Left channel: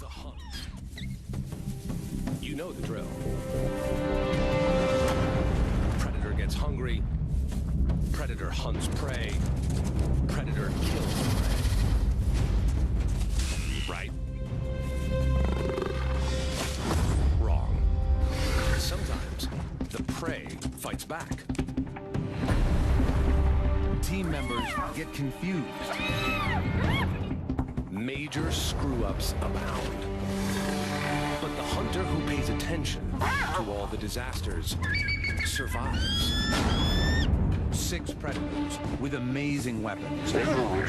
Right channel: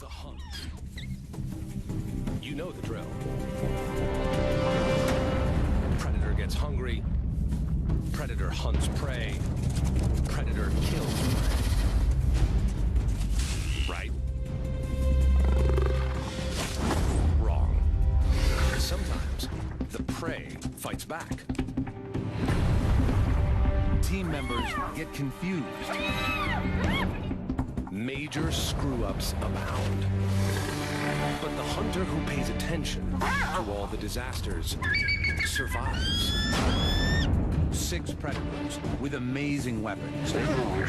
The hunt. You know the drill. Predator gets hungry. Predator hunts prey. Predator kills prey. Right? Wrong. Sometimes the prey fights back. Team members get confused. Major screw-ups abound. But the hunter who pays attention to all the disasters survives. 6 predators with amazing weapons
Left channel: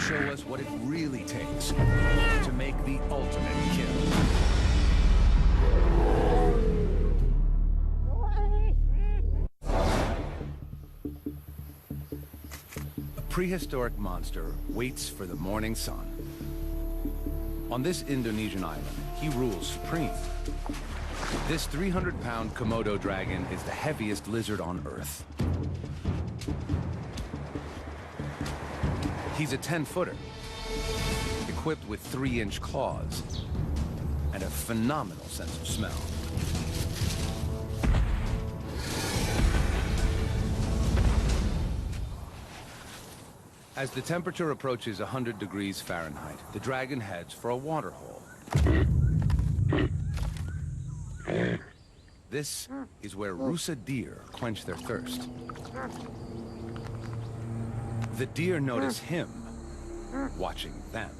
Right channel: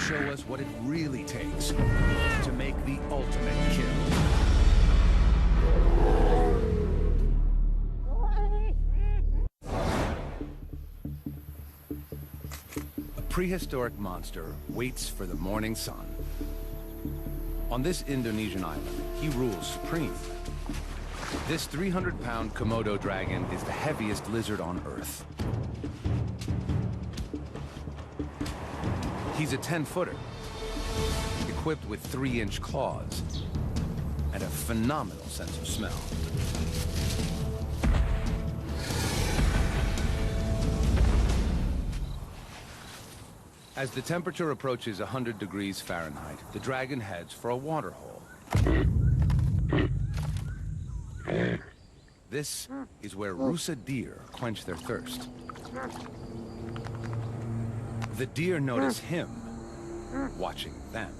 show us what it really takes to make the ultimate kill. A prehistoric monster waits for the morning sun. On this Indonesian island, he rules supreme. This 300-pound Komodo dragon is the heaviest lizard on Earth. He's a 10-footer, equipped with 3-inch claws and a phenomenal sense of smell. As the temperature approaches 100 degrees Fahrenheit, the dragon heads for a water hole. This is where Rusa deer quench their thirst. The deer notice him watching them.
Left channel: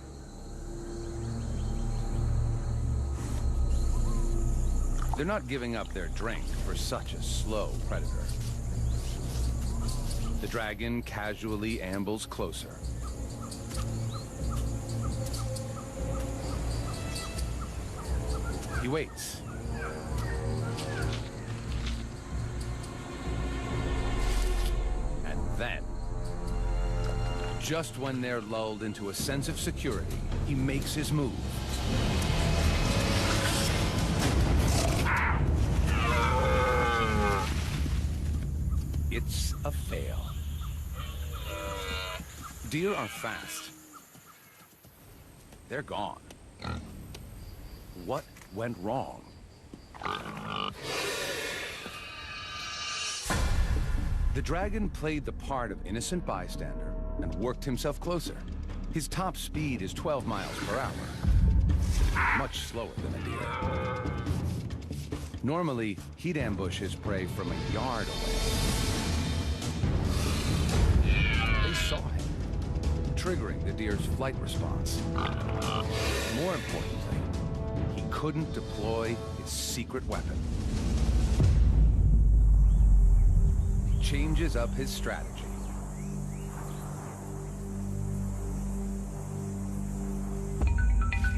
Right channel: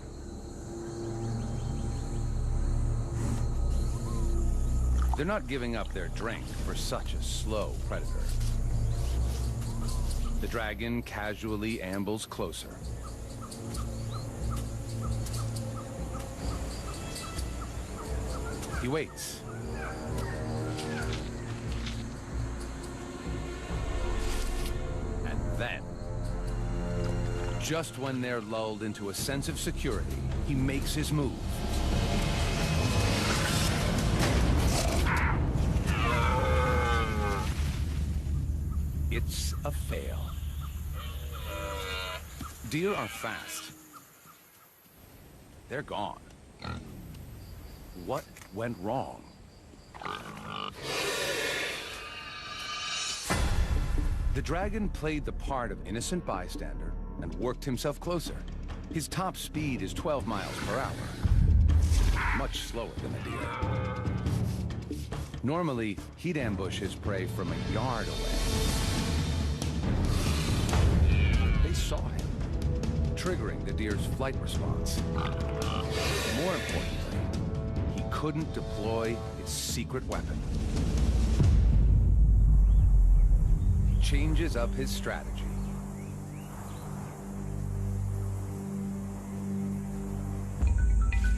They're not giving up their drink for such a slow predator. The dragon casually ambles closer. He waits. And then, just when they're lulled into a sense of security, he makes his move. It's a fail. Deer are fast. They're gone. What went wrong? The dragon played the part of innocent bystander and worked himself closer. His top speed is 12 miles per hour, much slower than a deer. Normally, he'd ambush his prey from a yard away. They saw him, triggering the deer's flight response. More importantly, he couldn't deploy his secret weapon. He changes up his strategy.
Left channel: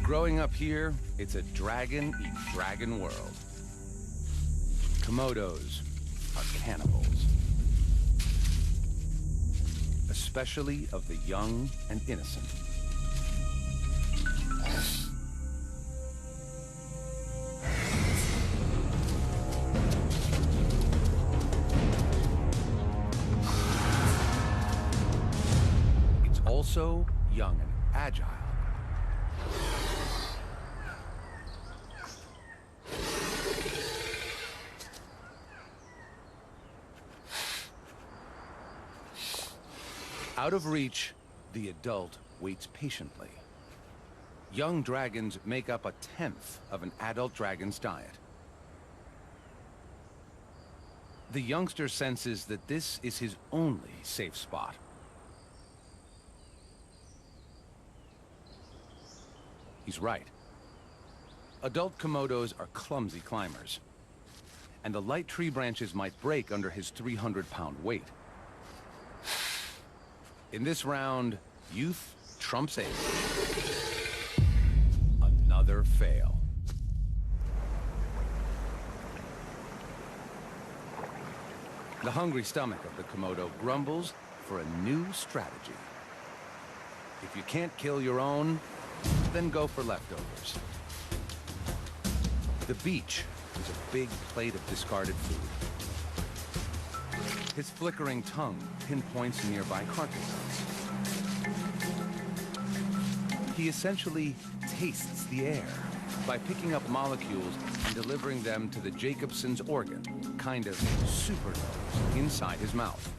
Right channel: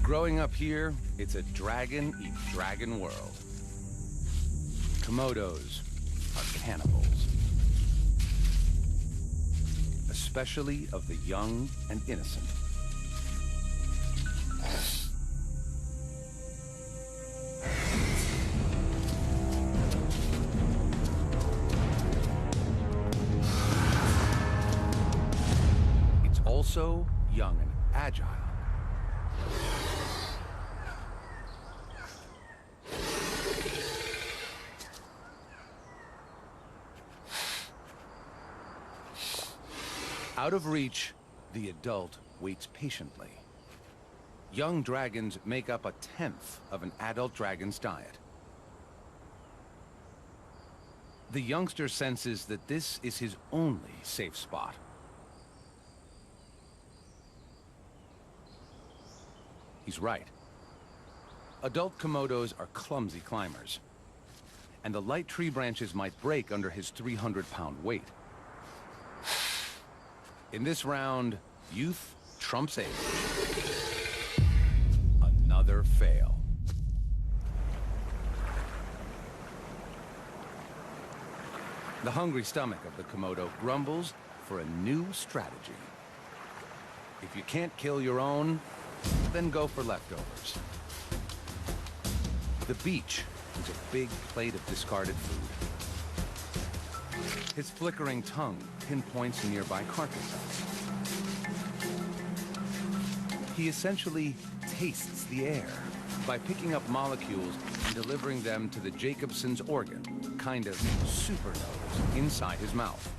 Growing up here, it's a dragon-eat-dragon world. Komodos are cannibals, especially of the young and innocent. It's also young and agile. Out of reach, the adult waits patiently. Young dragons make up 1/10 of an adult dragon's diet. The youngster senses that this is his only safe spot. He's right. Adult Komodos are clumsy climbers, and the light tree branches might break under his 300-pound weight. In this round, youth trumps age. Another fail. The hungry stomach of the Komodo grumbles for a new strategy. If you can't kill your own, then go for leftovers. The beach is a big plate of discarded food. His flickering tongue pinpoints nearby carcasses. He essentially tastes the air by picking up molecules and delivering them to the Jacobson's organ, kind of super nose, inside his mouth.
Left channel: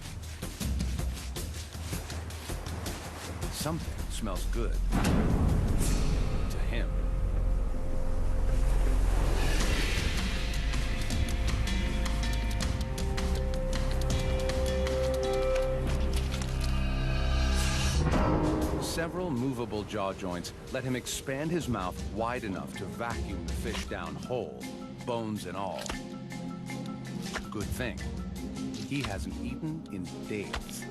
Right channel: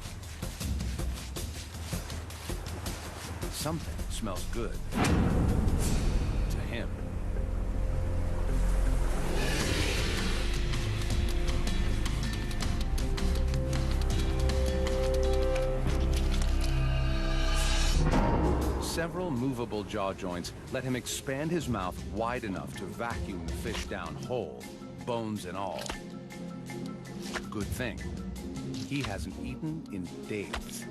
Something smells good to him. Several movable jaw joints let him expand his mouth wide enough to vacuum the fish down whole, bones and all. Good thing. He hasn't eaten in days.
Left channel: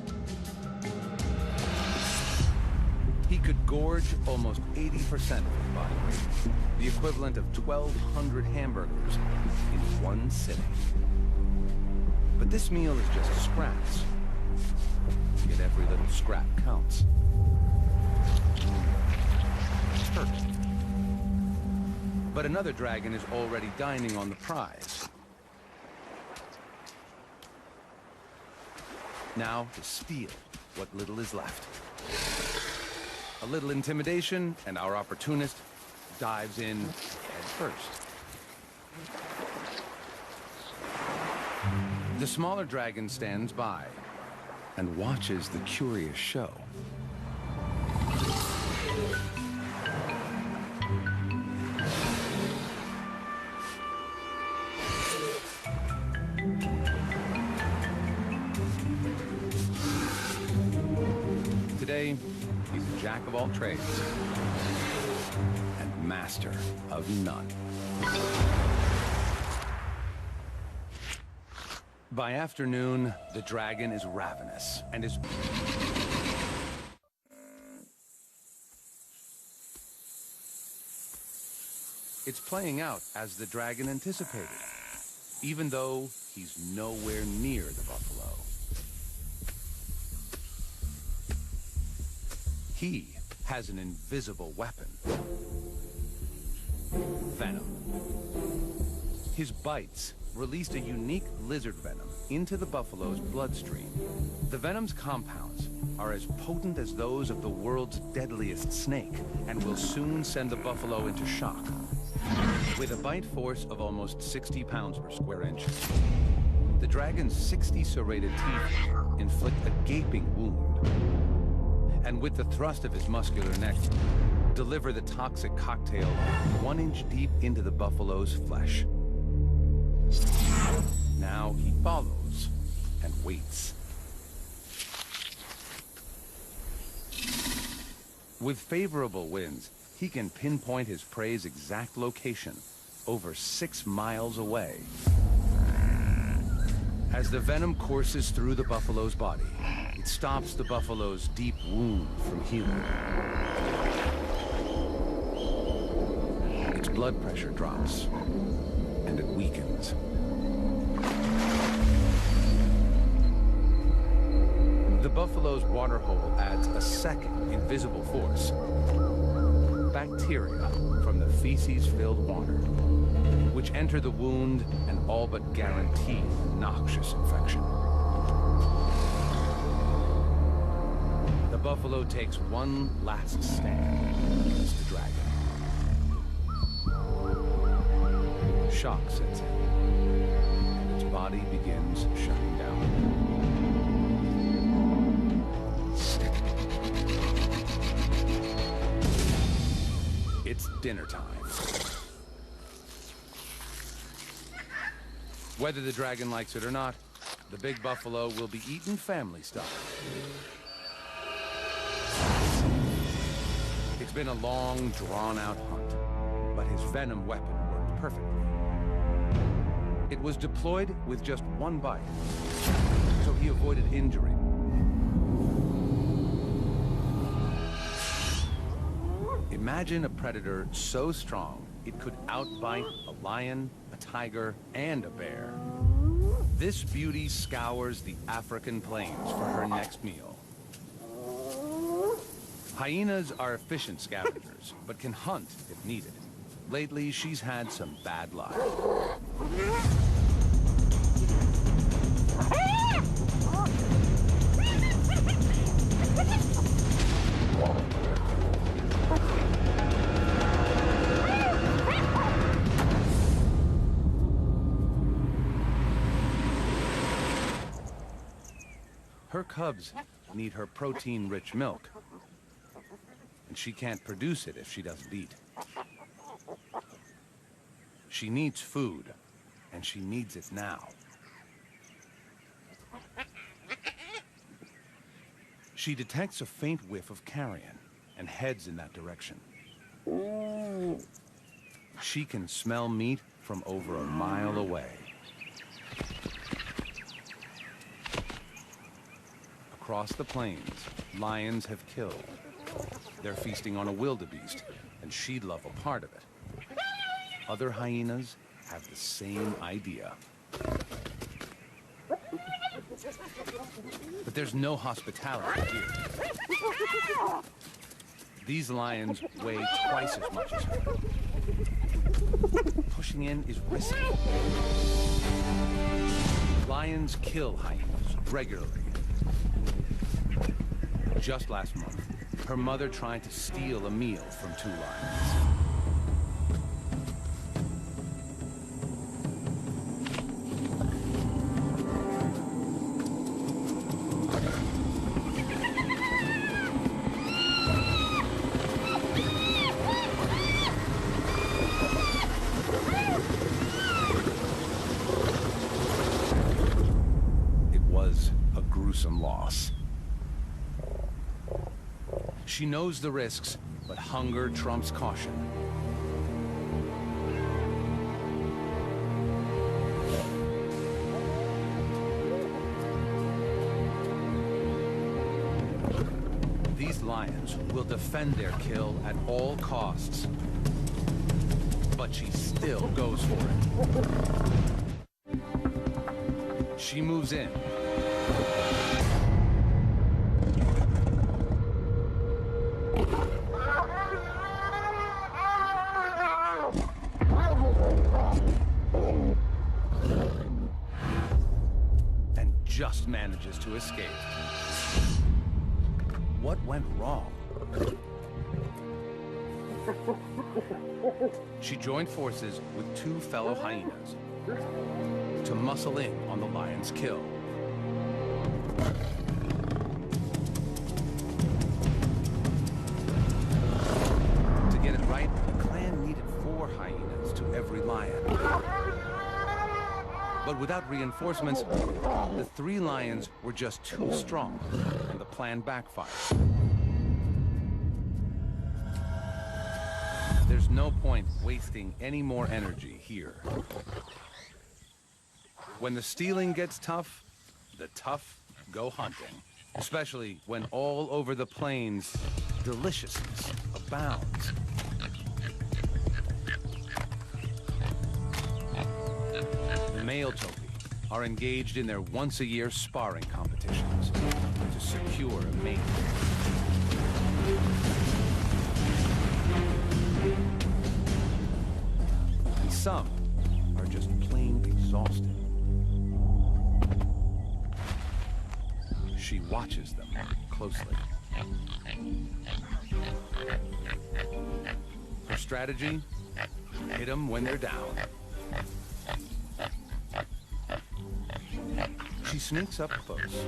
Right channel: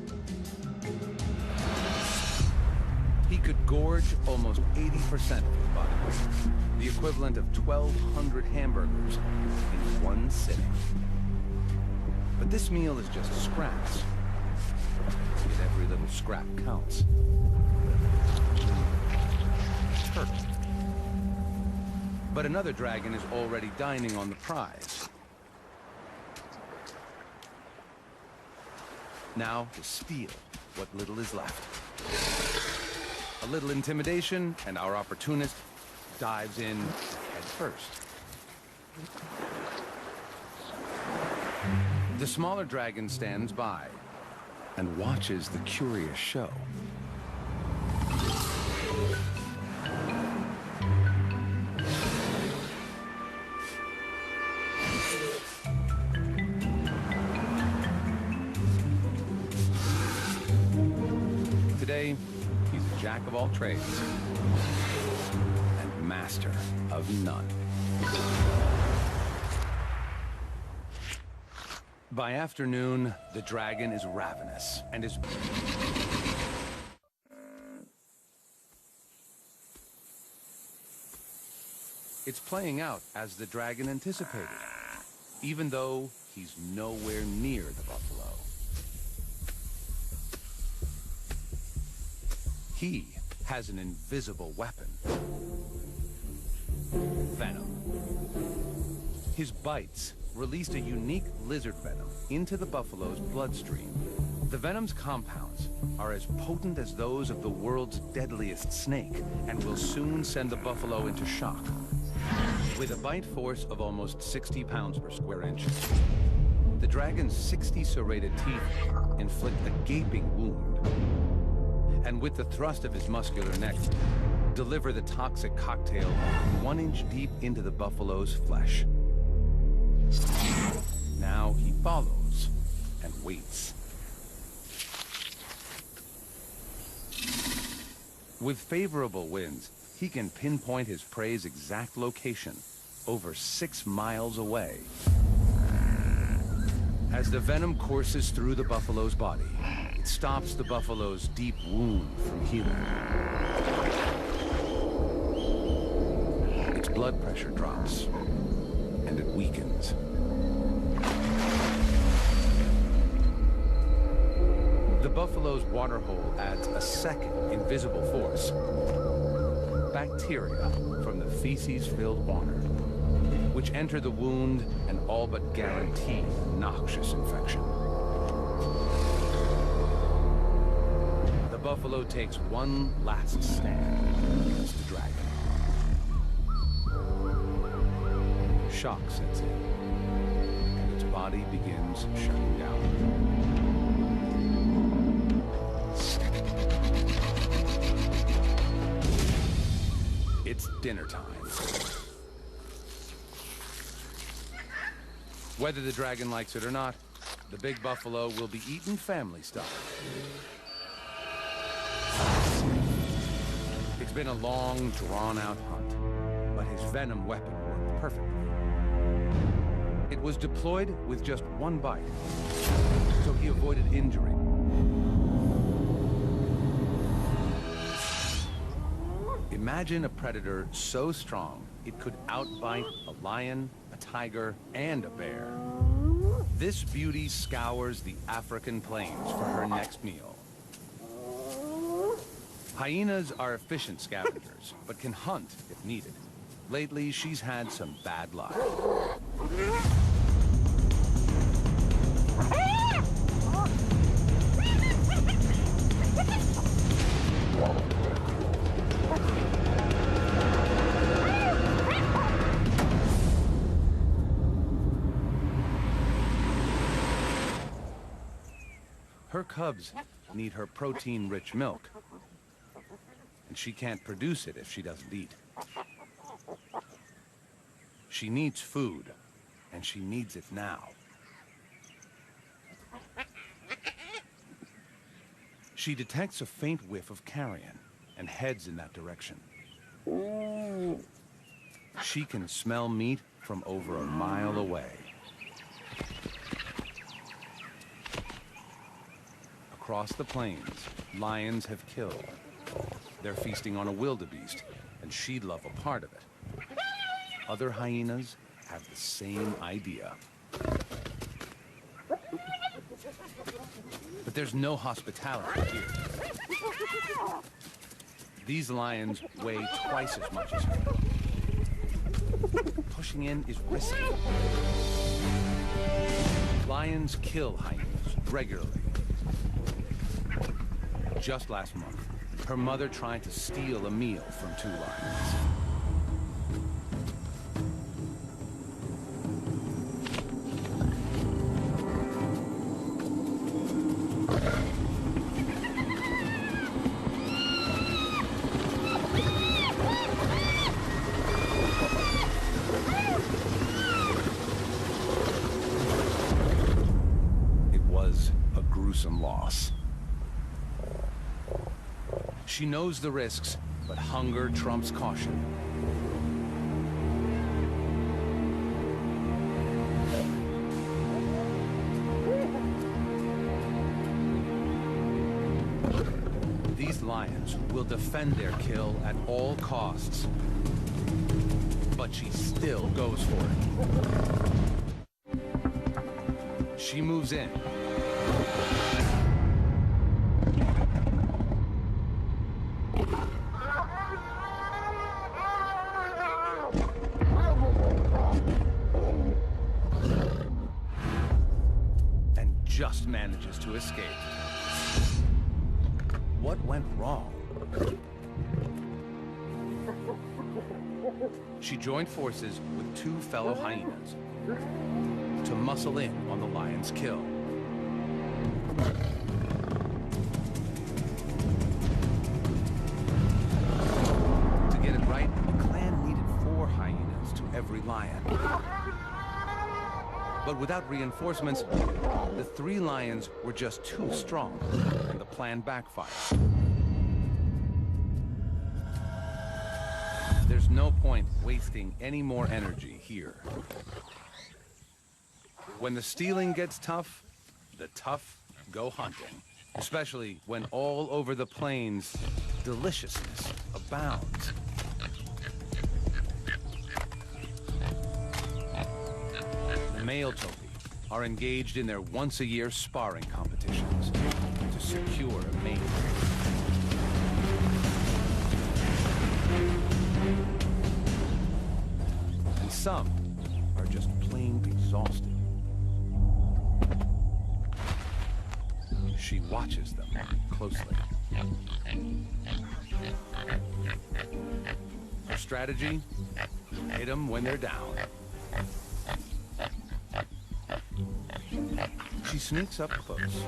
He could gorge almost 80% of his body weight, the equivalent of 1,200 hamburgers in one sitting. But this meal is just scraps. Yet every little scrap counts. Turtle. But another dragon is already dining on the prize. Now to steal what little is left. A little intimidation, and our opportunist dives in head first. The smaller dragon stands by and watches the curious show. Today, he's a jack of all trades and master of none. By afternoon, the dragon is ravenous and is... It's playing out as the dragon anticipated, even though he's nowhere near the buffalo. He has an invisible weapon. Venom. His bites released a unique lizard venom into the buffalo's bloodstream. The venom's compounds are as potent as those of the world's deadliest snake and will soon send the buffalo into shock. With a bite force of almost 60 pounds per square inch, the dragon's 60 serrated teeth inflict a gaping wound. And with the thrust of his muscular neck, deliver the toxic cocktail 1 inch deep into the buffalo's flesh. Now he follows and waits. With favorable winds, he can pinpoint his prey's exact location, over 6 miles away. As the venom courses through the buffalo's body, it stops the buffalo's deep wound from healing. Its blood pressure drops, and it weakens. The buffalo's waterhole adds a second invisible force. Bacteria from the feces-filled water, which enter the wound and all but guarantee a noxious infection. The buffalo takes one last stand against the dragon. Shock sets in, and its body begins shutting down. It's dinner time. Whether the dragon likes it or not, the big buffalo will be eaten family style. It's been a long, drawn-out hunt, but his venom weapon worked perfectly. It was deployed with just one bite, so he avoided injury. Imagine a predator so strong it could outbite a lion, a tiger, and a bear. This beauty scours the African plains for her next meal. Hyenas are efficient scavengers, but can hunt if needed. Lately, she's had some bad luck. Her cubs need her protein-rich milk, and she can't produce it if she doesn't eat. She needs food, and she needs it now. She detects a faint whiff of carrion and heads in that direction. She can smell meat from over a mile away. Across the plains, lions have killed. They're feasting on a wildebeest, and she'd love a part of it. Other hyenas have the same idea. But there's no hospitality here. These lions weigh twice as much as her. Pushing in is risky. Lions kill hyenas regularly. Just last month, her mother tried to steal a meal from 2 lions. It was a gruesome loss. She knows the risks, but hunger trumps caution. These lions will defend their kill at all costs. But she still goes for it. She moves in. And just manages to escape. What went wrong? She joined forces with 2 fellow hyenas to muscle in on the lion's kill. To get it right, the clan needed 4 hyenas to every lion. But without reinforcements, the 3 lions were just too strong, and the plan backfired. There's no point wasting any more energy here. When the stealing gets tough, the tough go hunting. Especially when all over the plains, deliciousness abounds. The male topi are engaged in their once-a-year sparring competitions to secure a mate. And some are just plain exhausted. She watches them closely. Her strategy? Hit them when they're down. She sneaks up close,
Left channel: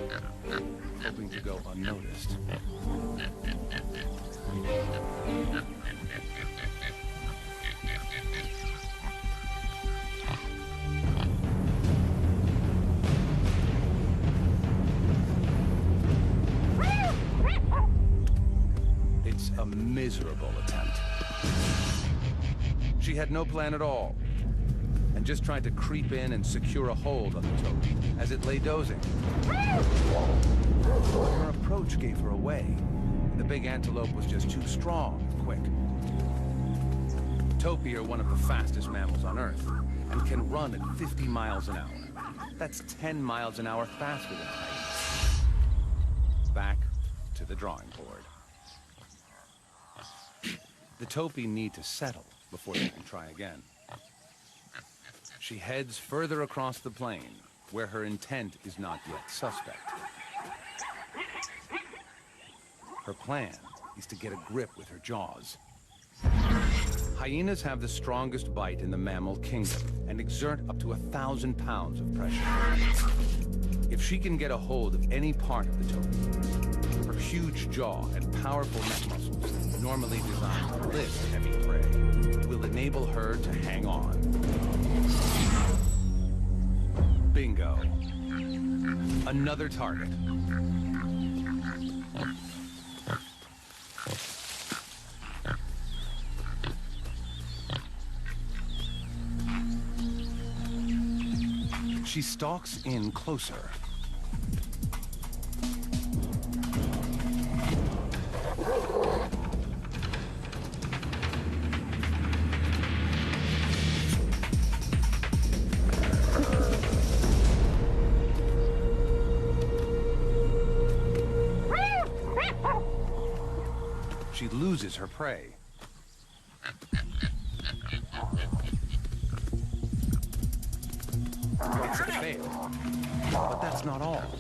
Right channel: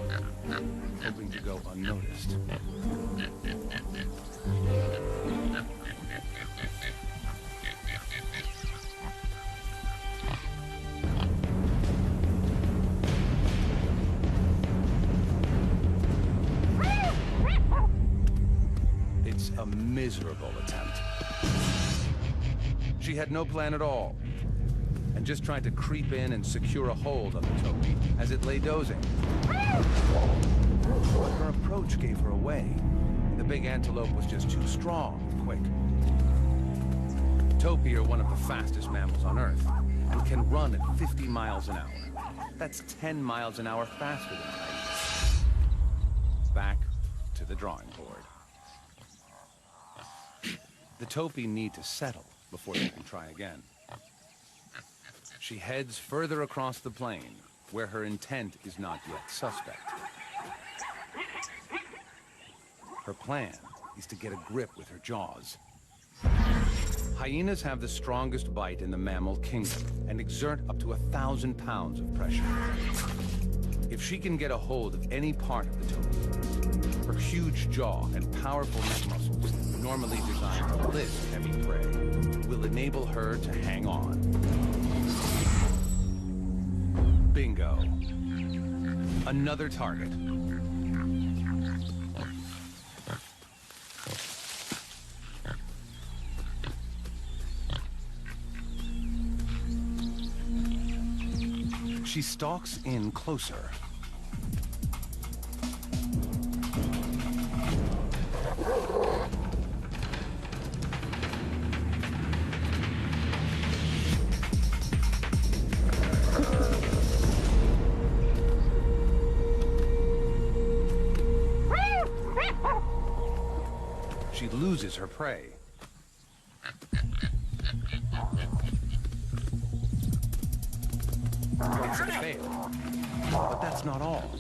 hoping to go unnoticed. It's a miserable attempt. She had no plan at all, and just tried to creep in and secure a hold on the topi as it lay dozing. Her approach gave her away, and the big antelope was just too strong and quick. Topi are one of the fastest mammals on Earth, and can run at 50 miles an hour. That's 10 miles an hour faster than hyenas. Back to the drawing board. The topi need to settle before they can try again. She heads further across the plain, where her intent is not yet suspect. Her plan is to get a grip with her jaws. Hyenas have the strongest bite in the mammal kingdom and exert up to 1,000 pounds of pressure. If she can get a hold of any part of the topi, her huge jaw and powerful neck muscles, normally designed to lift heavy prey, will enable her to hang on. Bingo. Another target. She stalks in closer. She loses her prey. It's a fail. But that's not all.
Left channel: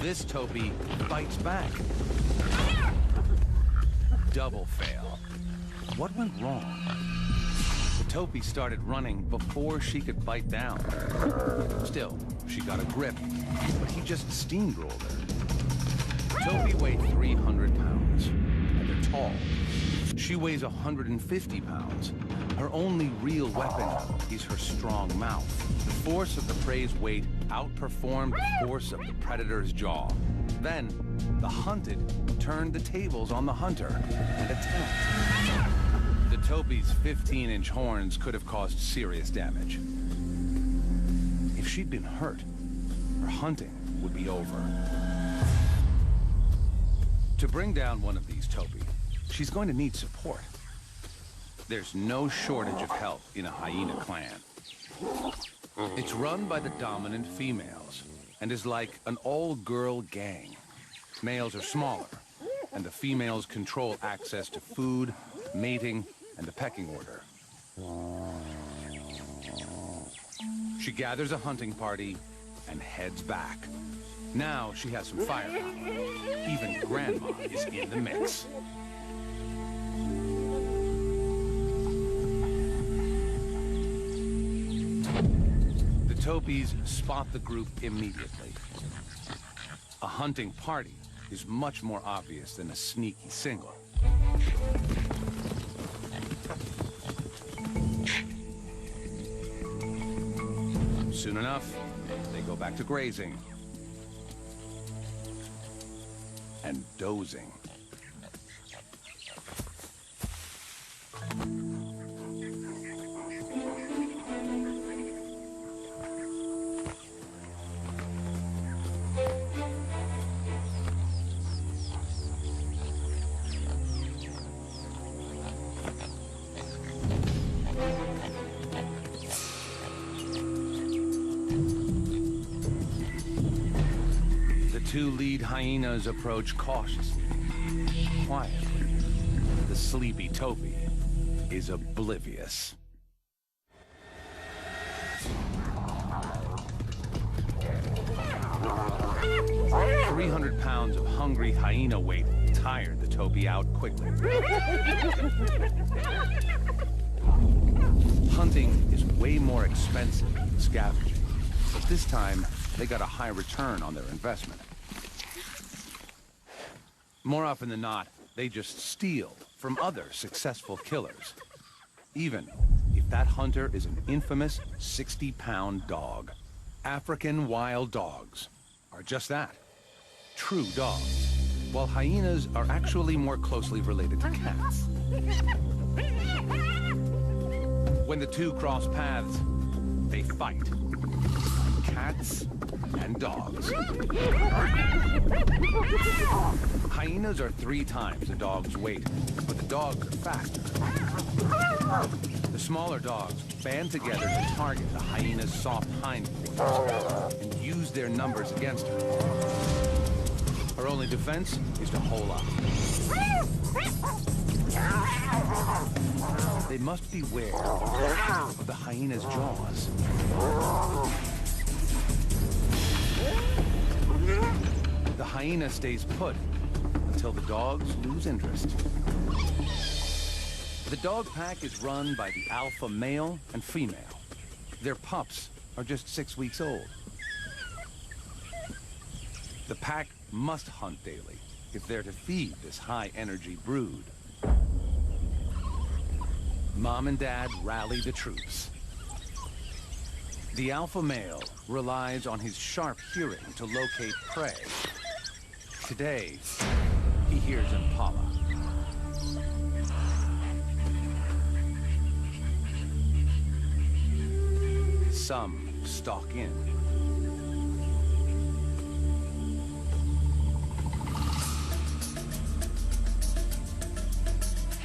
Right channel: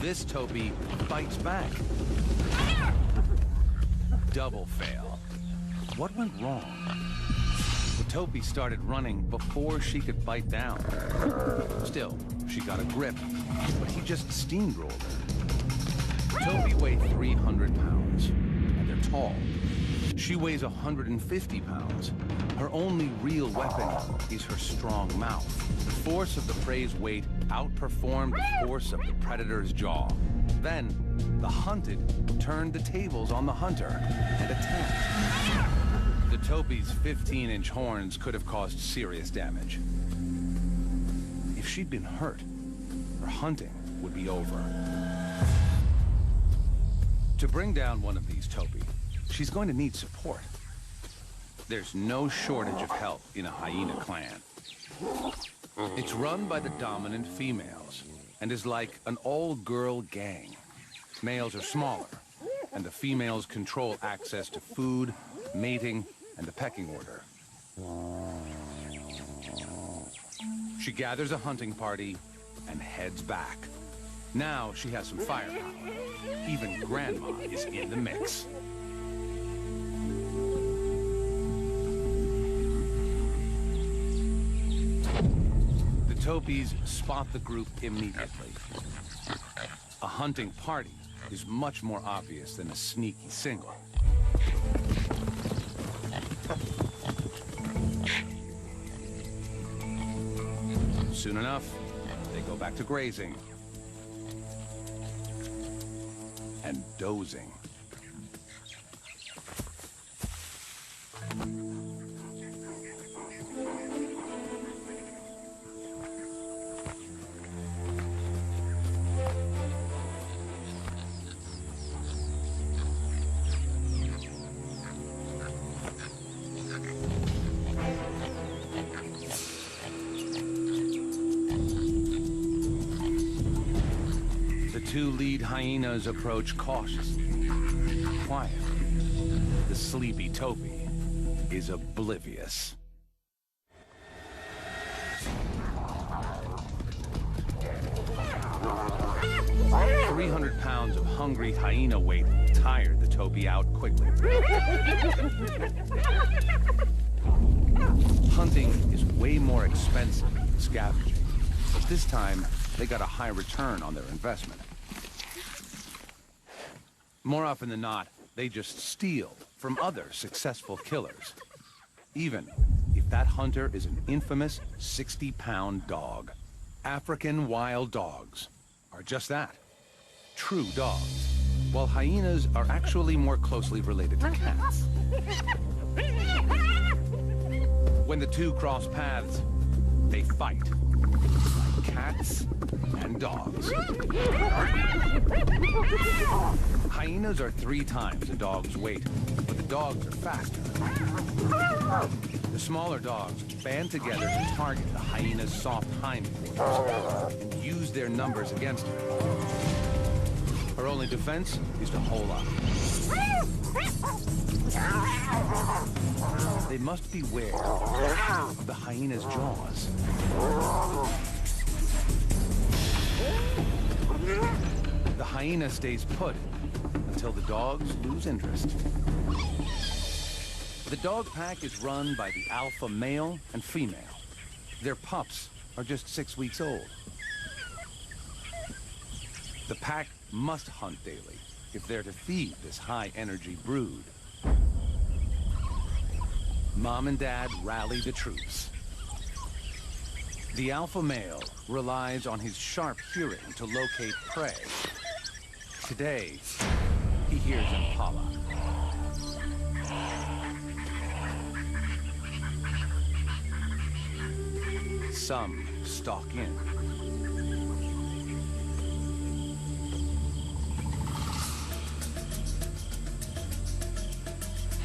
This topi bites back. Double fail. What went wrong? The topi started running before she could bite down. Still, she got a grip, but he just steamrolled her. Topi weigh 300 pounds, and they're tall. She weighs 150 pounds. Her only real weapon is her strong mouth. The force of the prey's weight outperformed the force of the predator's jaw. Then, the hunted turned the tables on the hunter and attacked. The topi's 15-inch horns could have caused serious damage. If she'd been hurt, her hunting would be over. To bring down one of these topi, she's going to need support. There's no shortage of help in a hyena clan. It's run by the dominant females and is like an all-girl gang. Males are smaller, and the females control access to food, mating, and the pecking order. She gathers a hunting party and heads back. Now she has some firepower. Even Grandma is in the mix. The topis spot the group immediately. A hunting party is much more obvious than a sneaky single. Soon enough, they go back to grazing and dozing. The two lead hyenas approach cautiously, quietly. The sleepy topi is oblivious. 300 pounds of hungry hyena weight tired the topi out quickly. Hunting is way more expensive than scavenging, but this time they got a high return on their investment. More often than not, they just steal from other successful killers, even if that hunter is an infamous 60-pound dog. African wild dogs are just that, true dogs, while hyenas are actually more closely related to cats. When the two cross paths, they fight, like cats and dogs. Hyenas are 3 times a dog's weight, but the dogs are faster. The smaller dogs band together to target the hyena's soft hindquarters and use their numbers against her. Her only defense is to hole up. They must beware of the hyena's jaws. The hyena stays put until the dogs lose interest. The dog pack is run by the alpha male and female. Their pups are just 6 weeks old. The pack must hunt daily if they're to feed this high-energy brood. Mom and Dad rally the troops. The alpha male relies on his sharp hearing to locate prey. Today, he hears impala. Some stalk in.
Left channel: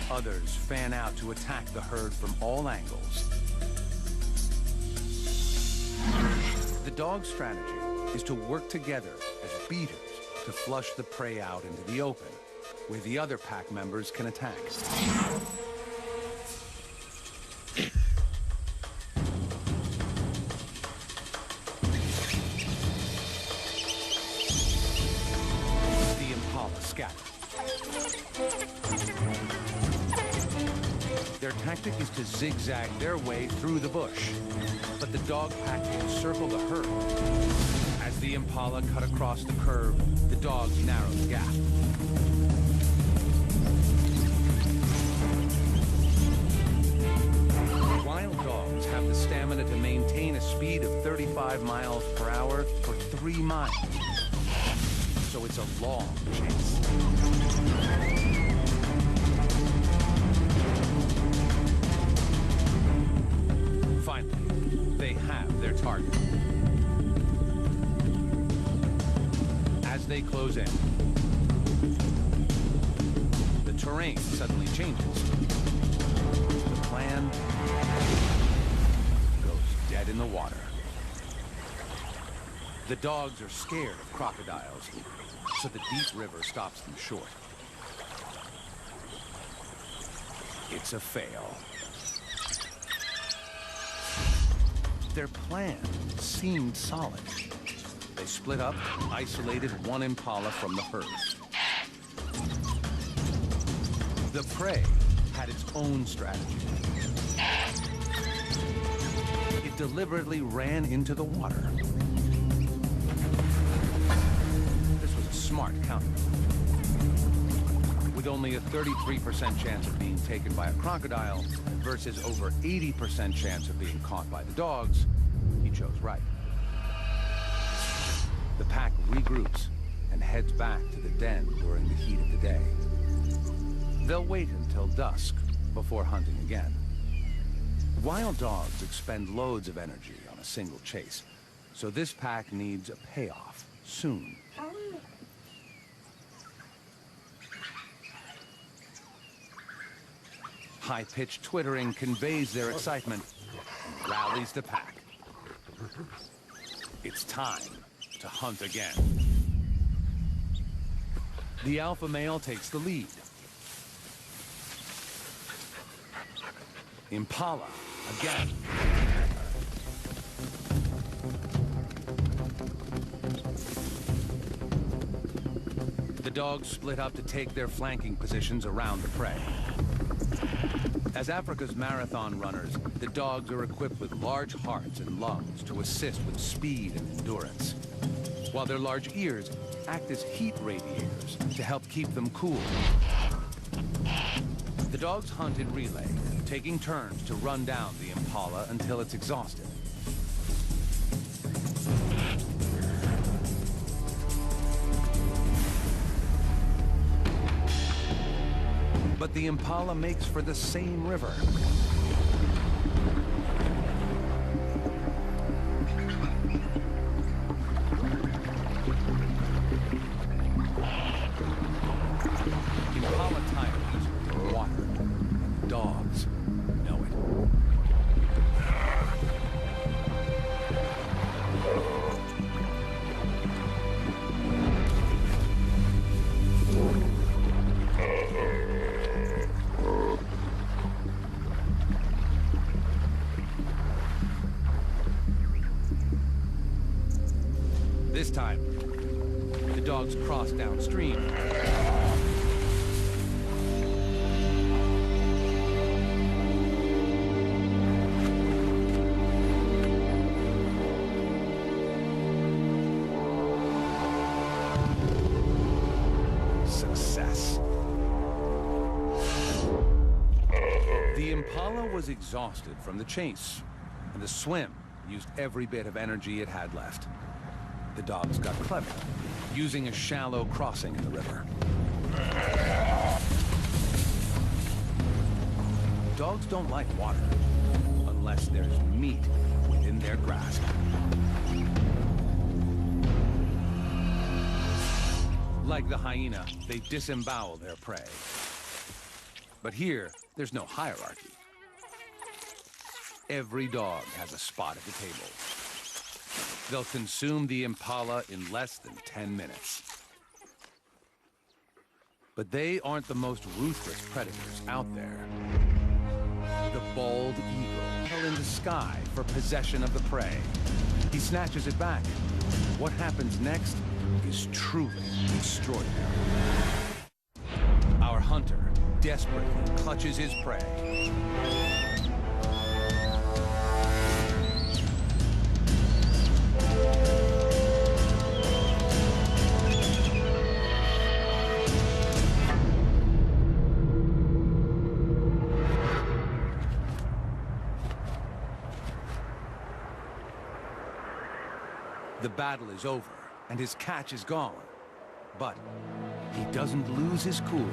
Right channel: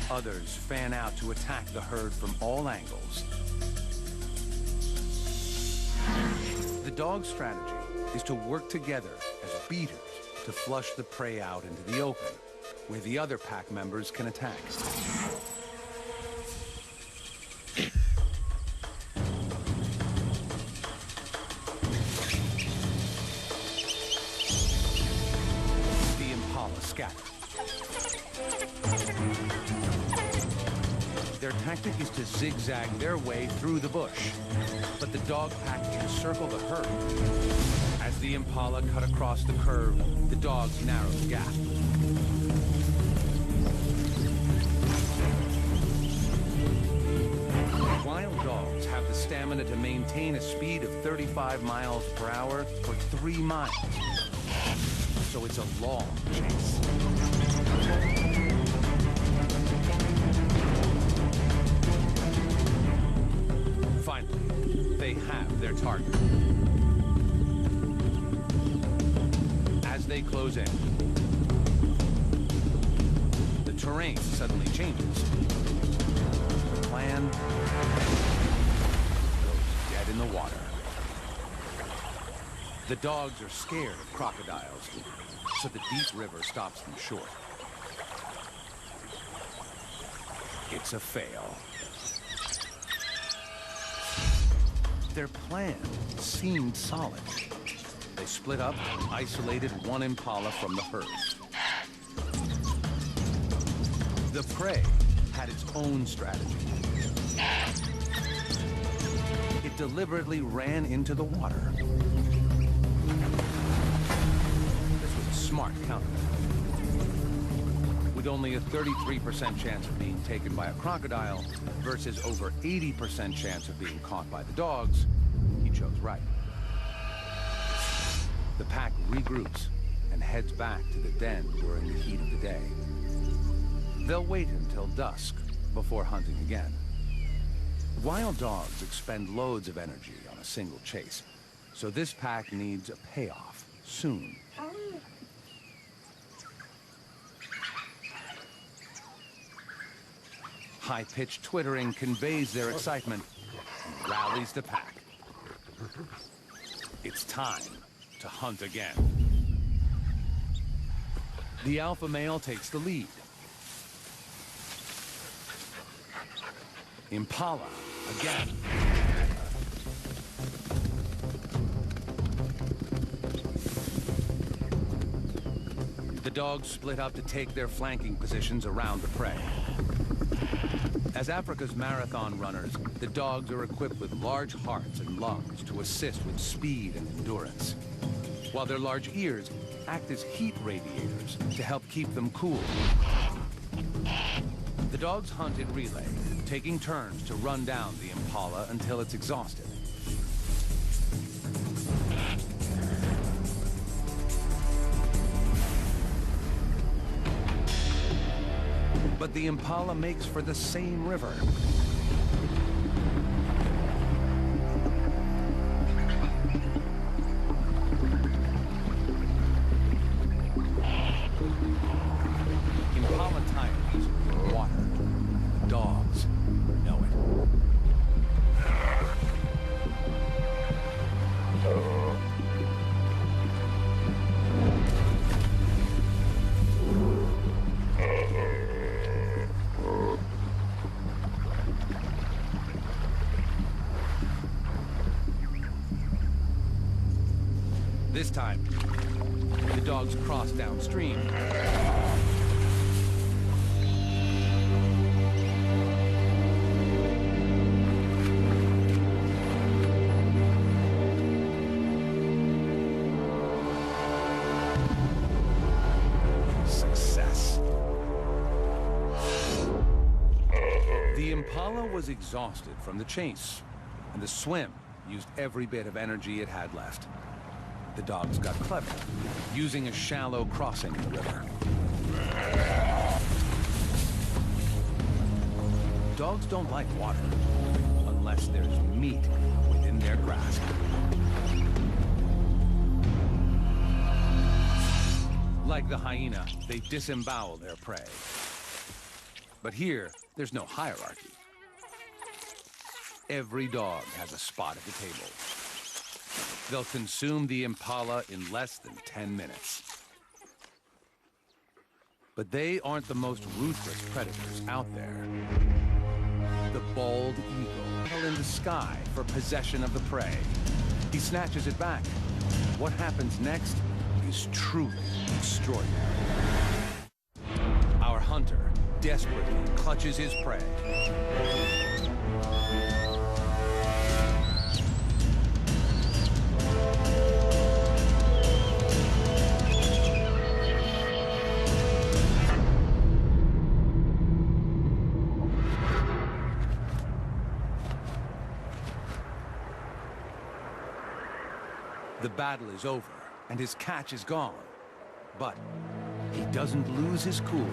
Others fan out to attack the herd from all angles. The dog's strategy is to work together as beaters to flush the prey out into the open, where the other pack members can attack. The impala scatter. Their tactic is to zigzag their way through the bush, but the dog pack encircle the herd. As the impala cut across the curve, the dogs narrow the gap. Wild dogs have the stamina to maintain a speed of 35 miles per hour for 3 miles. So it's a long chase. Finally, they have their target. As they close in, the terrain suddenly changes. The plan goes dead in the water. The dogs are scared of crocodiles, so the deep river stops them short. It's a fail. Their plan seemed solid. They split up and isolated one impala from the herd. The prey had its own strategy. It deliberately ran into the water. This was a smart counter. With only a 33% chance of being taken by a crocodile versus over 80% chance of being caught by the dogs, he chose right. The pack regroups and heads back to the den during the heat of the day. They'll wait until dusk before hunting again. Wild dogs expend loads of energy on a single chase, so this pack needs a payoff soon. High-pitched twittering conveys their excitement and rallies the pack. It's time to hunt again. The alpha male takes the lead. Impala again. The dogs split up to take their flanking positions around the prey. As Africa's marathon runners, the dogs are equipped with large hearts and lungs to assist with speed and endurance, while their large ears act as heat radiators to help keep them cool. The dogs hunt in relay, taking turns to run down the impala until it's exhausted. But the impala makes for the same river. Impala tire easily in water, and the dogs know it. This time, the dogs cross downstream. The impala was exhausted from the chase, and the swim used every bit of energy it had left. The dogs got clever, using a shallow crossing in the river. Dogs don't like water, unless there's meat within their grasp. Like the hyena, they disembowel their prey. But here, there's no hierarchy. Every dog has a spot at the table. They'll consume the impala in less than 10 minutes. But they aren't the most ruthless predators out there. The bald eagle, battle in the sky for possession of the prey. He snatches it back. What happens next is truly extraordinary. Our hunter desperately clutches his prey. The battle is over, and his catch is gone. But he doesn't lose his cool.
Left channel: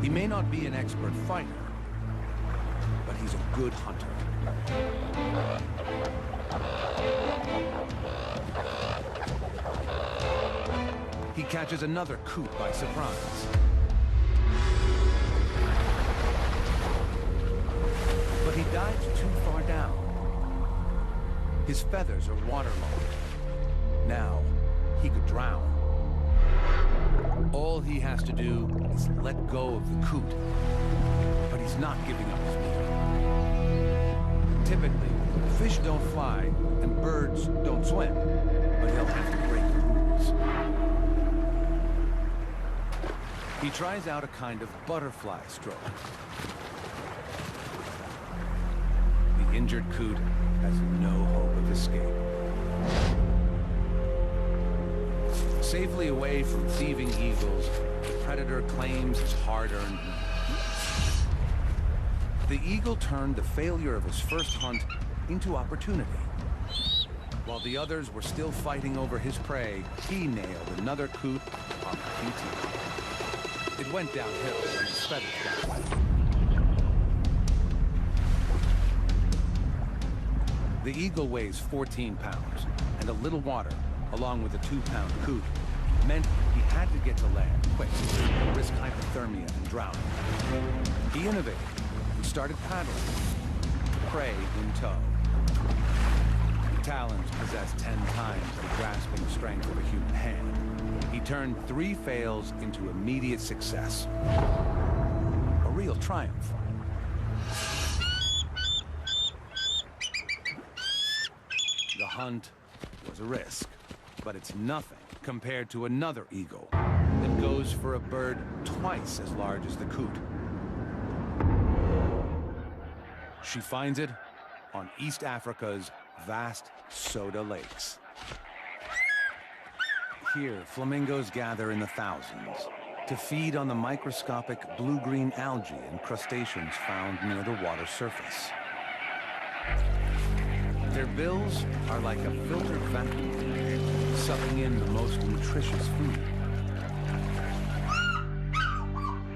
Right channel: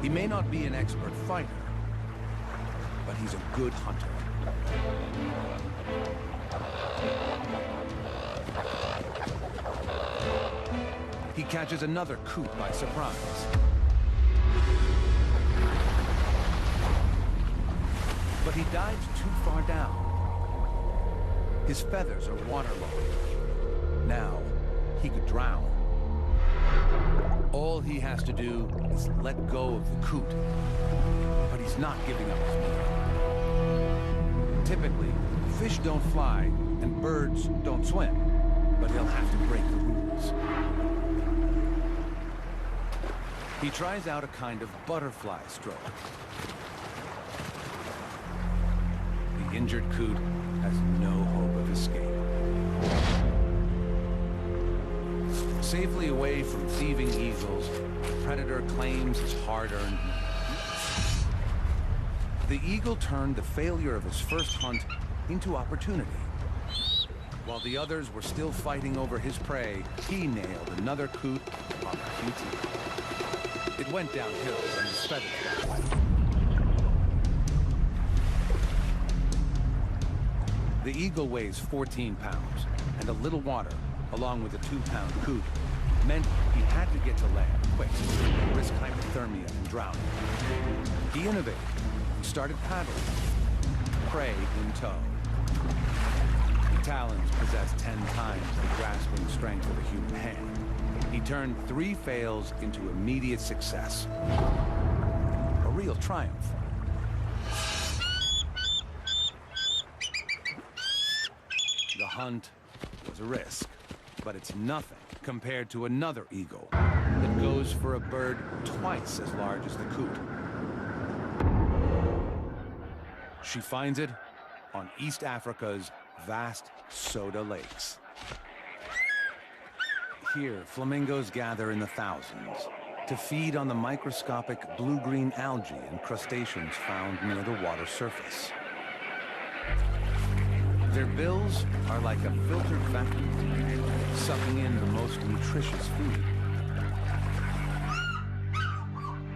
He may not be an expert fighter, but he's a good hunter. He catches another coot by surprise. But he dives too far down. His feathers are waterlogged. Now, he could drown. All he has to do is let go of the coot. But he's not giving up his meal. Typically, fish don't fly and birds don't swim, but he'll have to break the rules. He tries out a kind of butterfly stroke. The injured coot has no hope of escape. Safely away from thieving eagles, the predator claims his hard-earned meal. The eagle turned the failure of his first hunt into opportunity. While the others were still fighting over his prey, he nailed another coot on the QT. It went downhill when his feathers got wet. The eagle weighs 14 pounds, and a little water, along with a 2-pound coot, meant he had to get to land quick, risk hypothermia and drowning. He innovated and started paddling, prey in tow. The talons possess 10 times the grasping strength of a human hand. He turned 3 fails into immediate success. A real triumph. The hunt was a risk, but it's nothing compared to another eagle that goes for a bird twice as large as the coot. She finds it on East Africa's vast soda lakes. Here, flamingos gather in the thousands to feed on the microscopic blue-green algae and crustaceans found near the water surface. Their bills are like a filtered vacuum, sucking in the most nutritious food.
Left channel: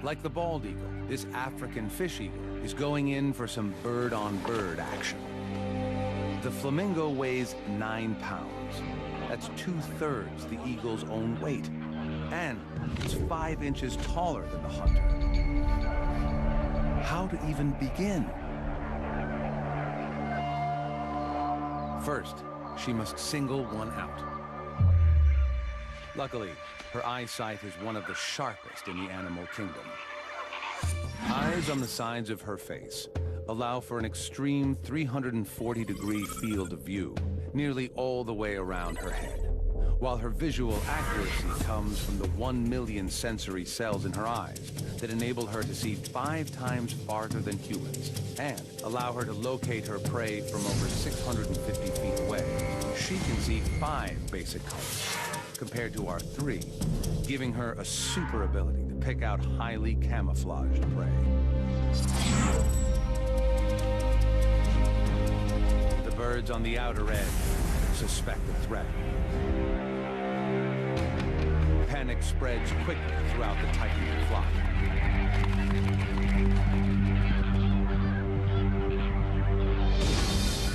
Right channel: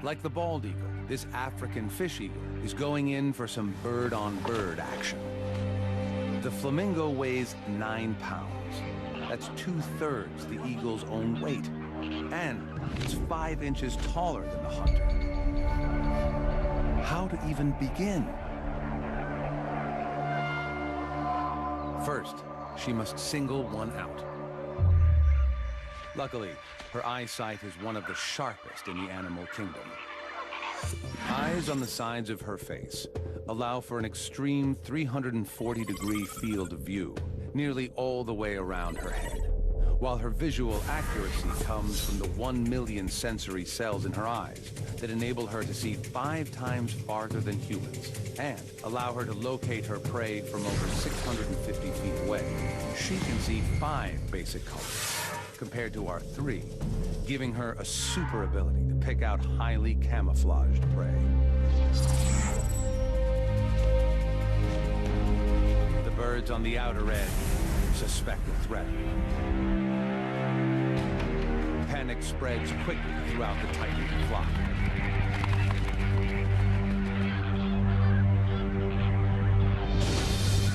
Like the bald eagle, this African fish eagle is going in for some bird-on-bird action. The flamingo weighs 9 pounds. That's 2/3 the eagle's own weight. And it's 5 inches taller than the hunter. How to even begin? First, she must single one out. Luckily, her eyesight is one of the sharpest in the animal kingdom. Eyes on the sides of her face allow for an extreme 340-degree field of view, nearly all the way around her head, while her visual accuracy comes from the 1 million sensory cells in her eyes that enable her to see 5 times farther than humans and allow her to locate her prey from over 650 feet away. She can see 5 basic colors, compared to our 3, giving her a super ability to pick out highly camouflaged prey. The birds on the outer edge suspect a threat. Panic spreads quickly throughout the tightening flock.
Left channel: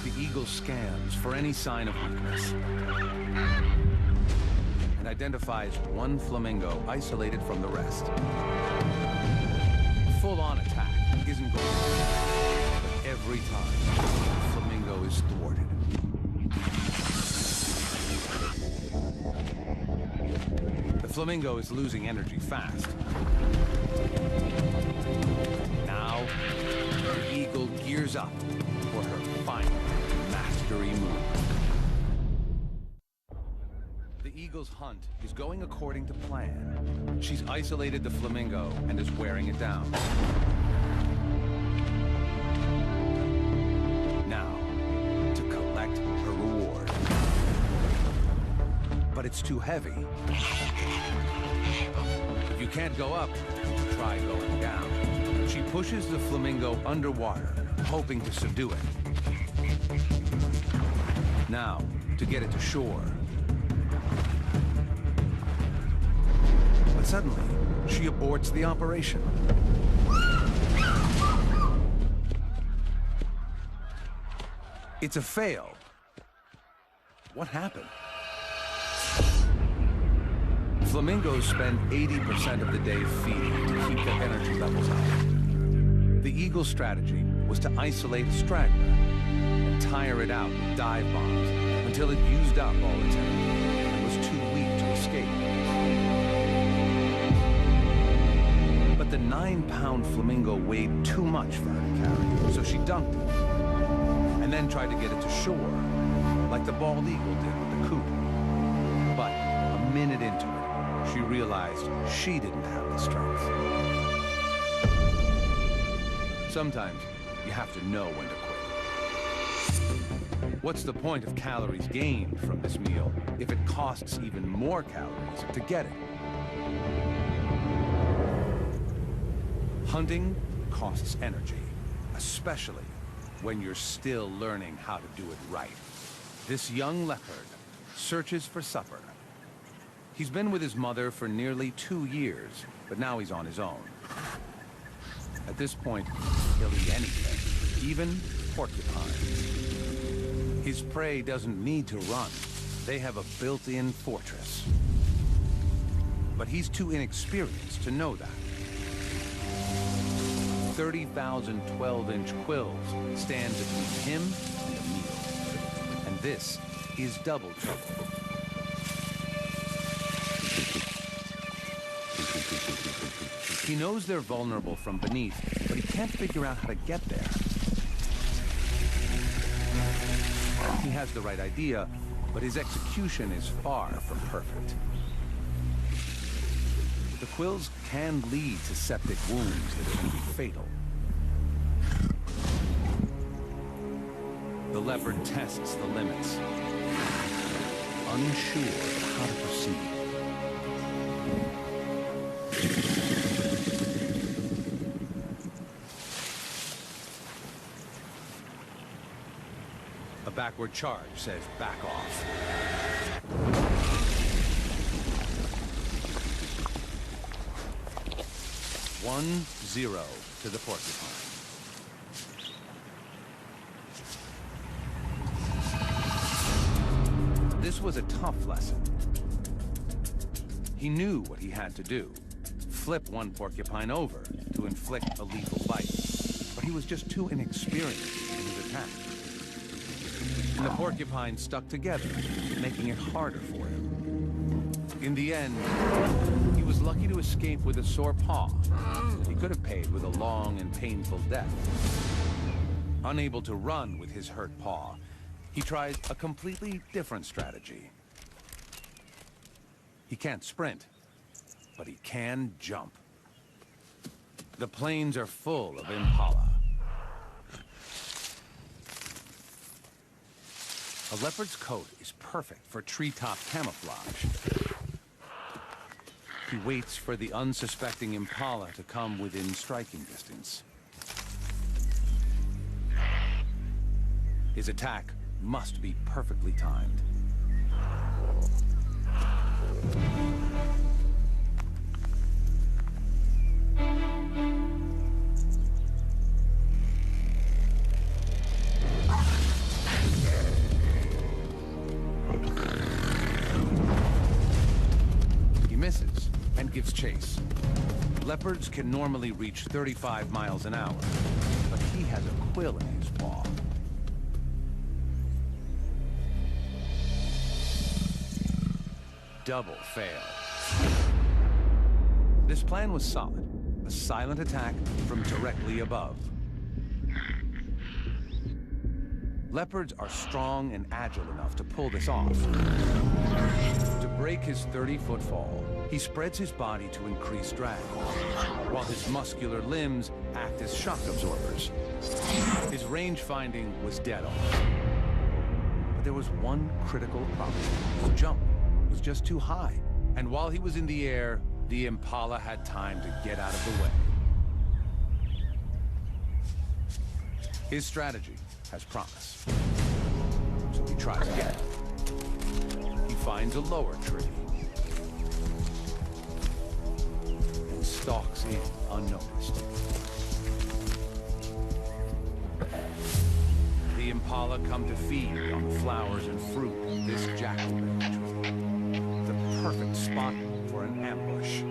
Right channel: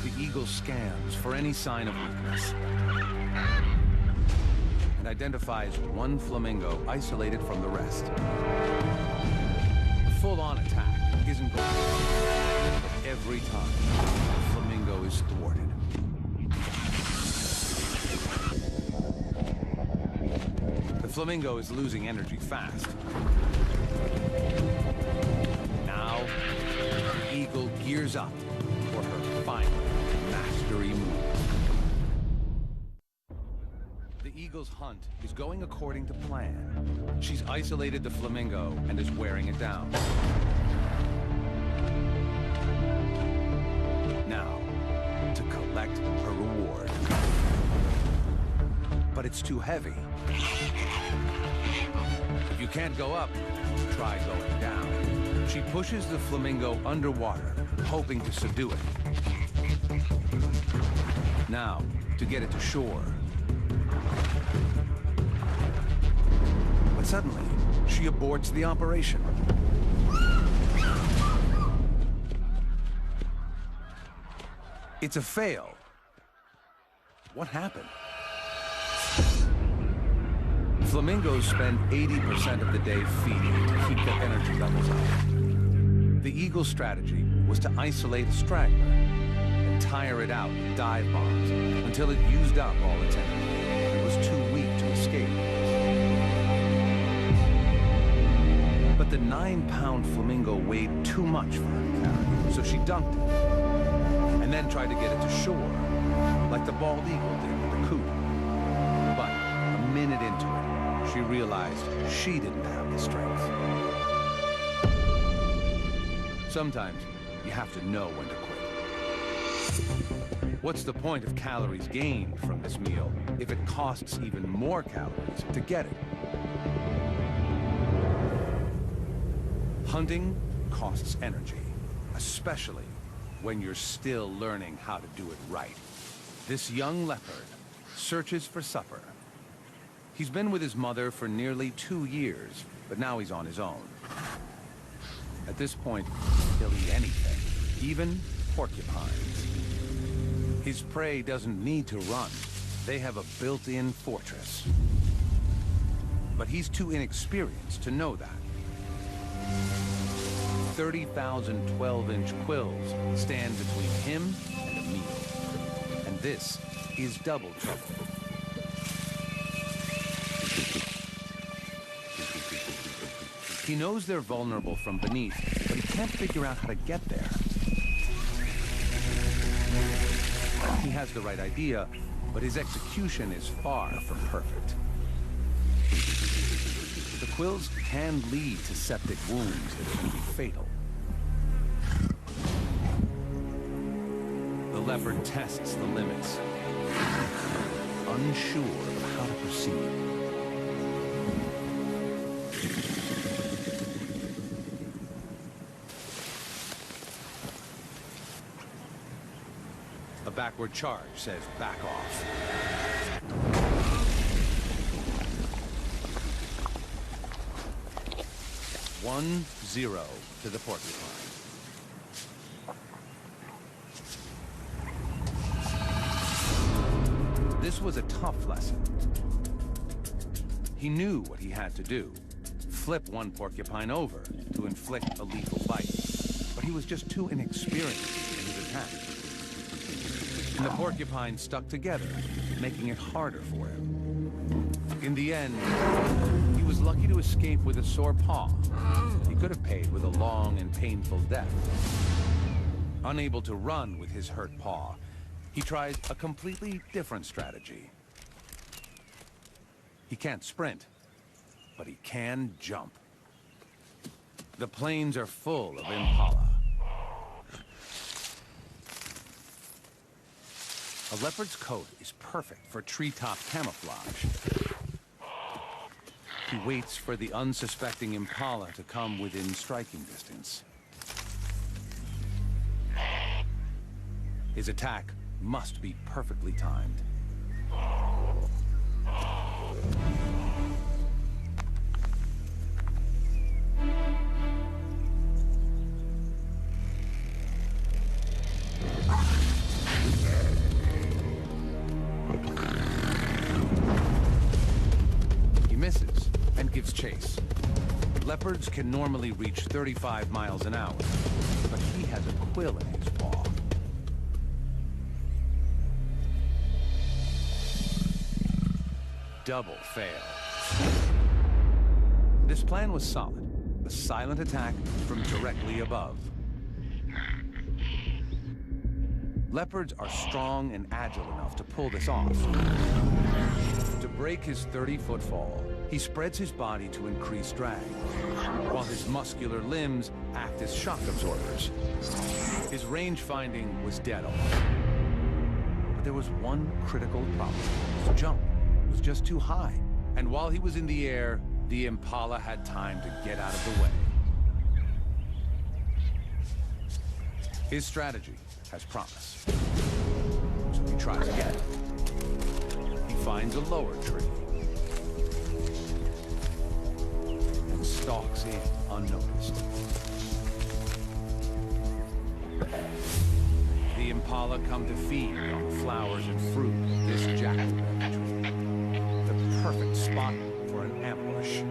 The eagle scans for any sign of weakness and identifies one flamingo isolated from the rest. A full-on attack isn't going to work, but every time, the flamingo is thwarted. The flamingo is losing energy fast. Now, the eagle gears up for her final mastery move. The eagle's hunt is going according to plan. She's isolated the flamingo and is wearing it down. Now, to collect her reward. But it's too heavy. If you can't go up, try going down. She pushes the flamingo underwater, hoping to subdue it. Now, to get it to shore. But suddenly, she aborts the operation. It's a fail. What happened? Flamingos spend 80% of the day feeding to keep their energy levels up. The eagle's strategy was to isolate a straggler and tire it out with dive bombs until it used up all its energy and was too weak to escape. But the 9-pound flamingo weighed too much for her to carry, so she dunked it and then tried to get it to shore, like the bald eagle did with the coot. But a minute into it, she realized she didn't have the strength. Sometimes you have to know when to quit. What's the point of calories gained from this meal if it costs even more calories to get it? Hunting costs energy, especially when you're still learning how to do it right. This young leopard searches for supper. He's been with his mother for nearly 2 years, but now he's on his own. At this point, he'll eat anything, even porcupines. His prey doesn't need to run. They have a built-in fortress. But he's too inexperienced to know that. 30,000 12-inch quills stand between him and a meal. And this is double trouble. He knows they're vulnerable from beneath, but he can't figure out how to get there. He has the right idea, but his execution is far from perfect. The quills can lead to septic wounds that can be fatal. The leopard tests the limits, unsure of how to proceed. A backward charge says back off. One, 0 to the porcupine. This was a tough lesson. He knew what he had to do. Flip one porcupine over to inflict a lethal bite. But he was just too inexperienced in his attack. And the porcupine stuck together, making it harder for him. In the end, he was lucky to escape with a sore paw. He could have paid with a long and painful death. Unable to run with his hurt paw, he tried a completely different strategy. He can't sprint, but he can jump. The plains are full of impala. A leopard's coat is perfect for treetop camouflage. He waits for the unsuspecting impala to come within striking distance. His attack must be perfectly timed. He misses and gives chase. Leopards can normally reach 35 miles an hour, but he has a quill in his paw. Double fail. This plan was solid. A silent attack from directly above. Leopards are strong and agile enough to pull this off. To break his 30-foot fall, he spreads his body to increase drag, while his muscular limbs act as shock absorbers. His range finding was dead on. But there was one critical problem. His jump was just too high. And while he was in the air, the impala had time to get out of the way. His strategy has promise. So he tries again. He finds a lower tree and stalks in unnoticed. The impala come to feed on the flowers and fruit of this jackalberry tree. The perfect spot for an ambush.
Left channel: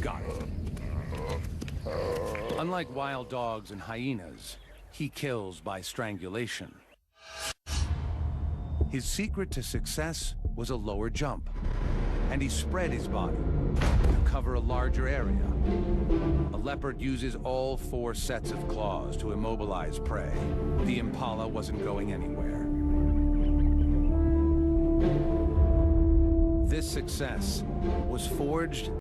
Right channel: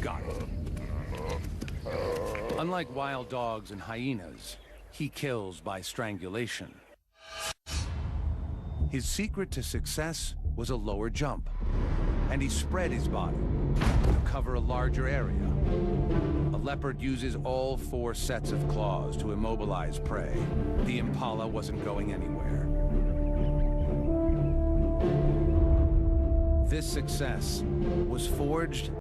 Got it. Unlike wild dogs and hyenas, he kills by strangulation. His secret to success was a lower jump, and he spread his body to cover a larger area. A leopard uses all 4 sets of claws to immobilize prey. The impala wasn't going anywhere. This success was forged